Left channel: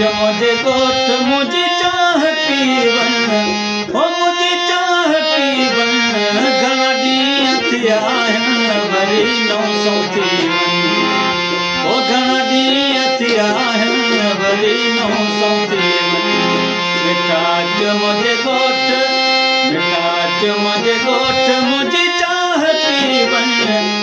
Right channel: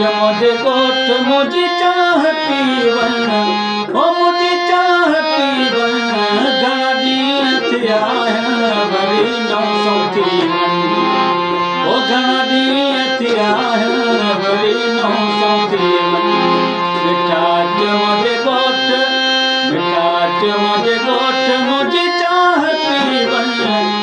मुझे गोठ मुझे चाह पीवन ओ मुझे चाह पीवन घणा ॾींहं थिया आहिनि वरी न सौथी ओ घणा ॾींहं थिया आहिनि वरी न सौथी बेटा अचु मुंहिंजे गोठ बेटा अचु मुंहिंजे गोठ मुंहिंजी चाह पीवन